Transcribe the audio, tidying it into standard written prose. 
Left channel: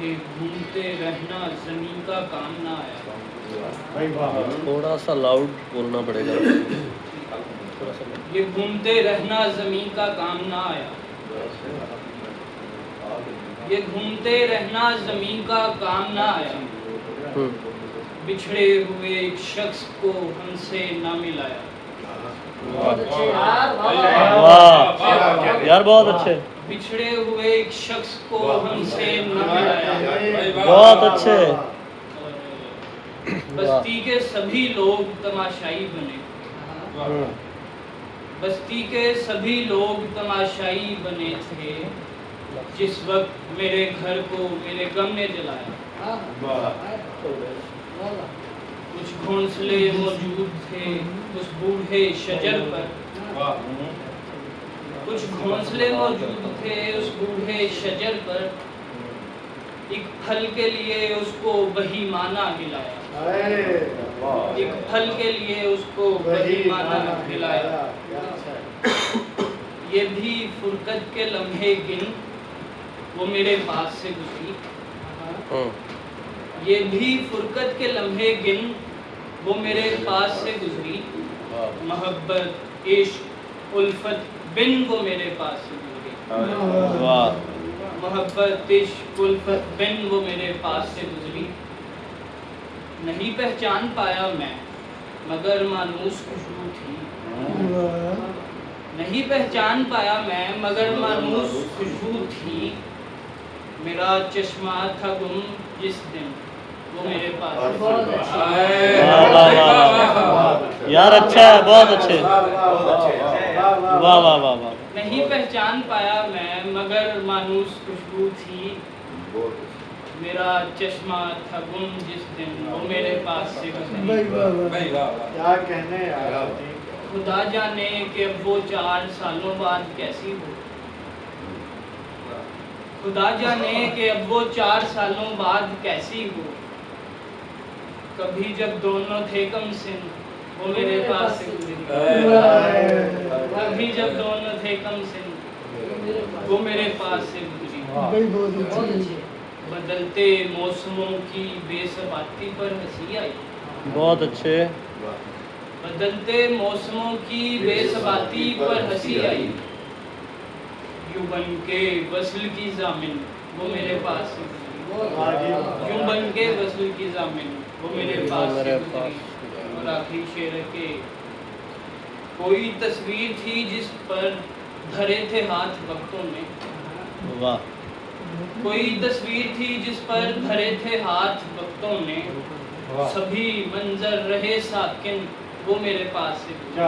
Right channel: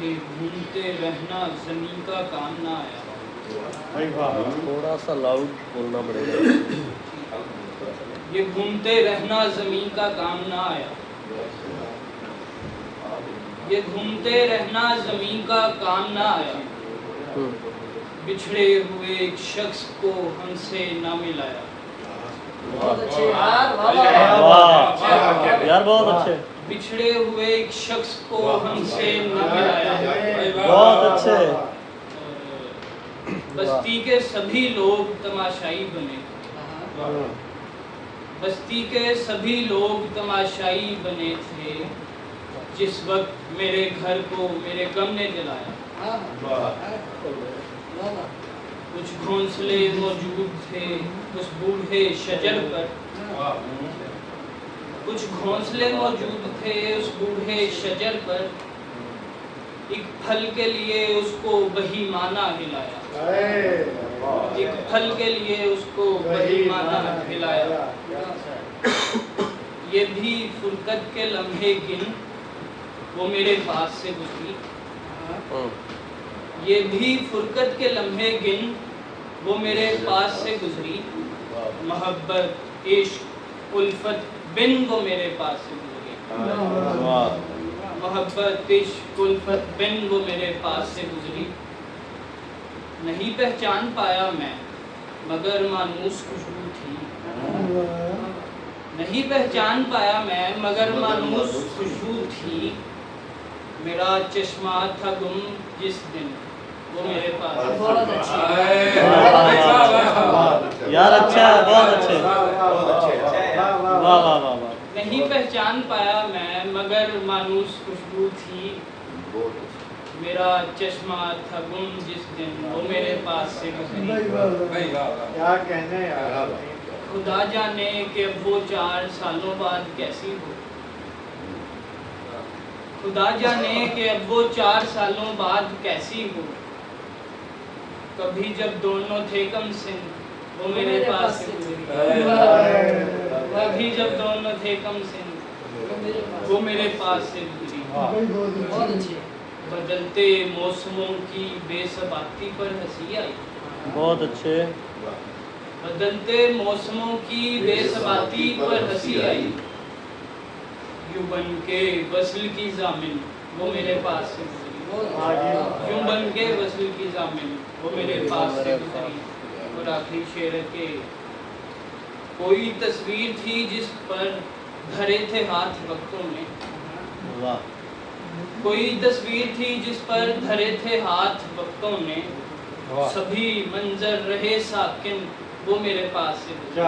یہ گھومتے رہنا زمین کا کام نہ آیا. تھوڑا سا لاؤڈ بولنا پڑے گا. یہ گھومتے رہنا زمین کا کام نہ آیا. یہ گھومتے رہنا زمین کا کام نہ آیا. بچھڑے ہوئے ایک شخص کو ہم سے نہ ملایا. یار بہت اچھے. بچھڑے ہوئے ایک شخص کو ہم سے نہ ملایا. بہت اچھے. بستی کے سبھی لوگ تماشائی بنے. بستی کے سبھی لوگ تماشائی بنے تھے جس وقت میرے گھر کو میرے غم نے جلایا. کچھ گھونسلے موجود تھے اس بوڑھے شجر پر. کچھ گھونسلے موجود تھے اس بوڑھے شجر پر. ایک پھل کے لیے اس کو بہیمانہ ہلایا. ایک پھل کے لیے اس کو بہیمانہ ہلایا. یہ بھی فرقت کے لمحے گن وہ میرے پاس سے گزری. یہ بھی فرقت کے لمحے گن وہ میرے پاس سے گزری. محبت عشق الفت بن وہ میرے پاس سے گزری. محبت عشق الفت بن وہ میرے پاس سے گزری. نہیں پہچان پایا میں مگر مانوس خوشبو تھی. نہیں پہچان پایا میں مگر مانوس خوشبو تھی. میرا چشمہ تھا گم جس دن وہ میرے پاس. یار اچھا ہے. بہت اچھے. واہ واہ واہ. نہیں پہچان پایا میں مگر مانوس خوشبو تھی. میرا چشمہ تھا گم جس دن وہ میرے پاس سے گزری. خدا جانے کہ اب وہ 4 سالوں بعد کیسی ہو. خدا جانے کہ اب وہ 4 سالوں بعد کیسی ہو. کبھی جب دونوں تھے کم سن وہ میرے پاس سے گزری. کبھی جب دونوں تھے کم سن وہ میرے پاس سے گزری. بدلتے موسموں کی بے ثباتی پر ہنسی آئی. بہت اچھے. بدلتے موسموں کی بے ثباتی پر ہنسی آئی. یوں بن کے وصل کی ضامن وہ میرے پاس سے گزری. یوں بن کے وصل کی ضامن وہ میرے پاس سے گزری. اور آخری شعر ہے کہ کوئی تصویر تھی جس پر دھرے تھے ہاتھ وقتوں میں. کوئی تصویر تھی جس پر دھرے تھے ہاتھ وقتوں نے. سبھی منظر رہے ساکن وہ میرے پاس سے گزری.